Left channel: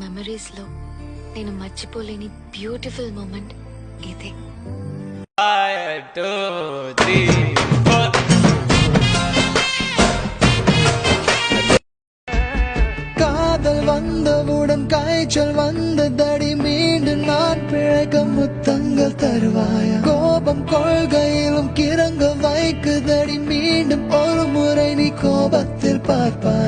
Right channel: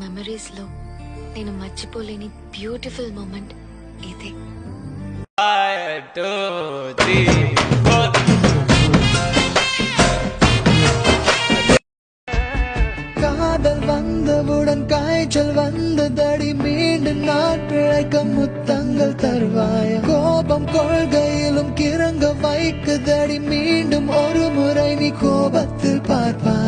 Memories లో నేను మర్చిపోలేని బ్యూటిఫుల్ మూమెంట్ ఇదే. 1 2 3 4 காதல் வந்தவுடன் காய்ச்சல் வந்ததடி மீண்டும் நான் பிழைக்க முத்தங்கள் தருவாய கோபம் கொள்கையிலும் கிறங்க வைக்குதடி மீண்டும் ஒரு முறை நீ கோபத்தில் பார்ப்பாய்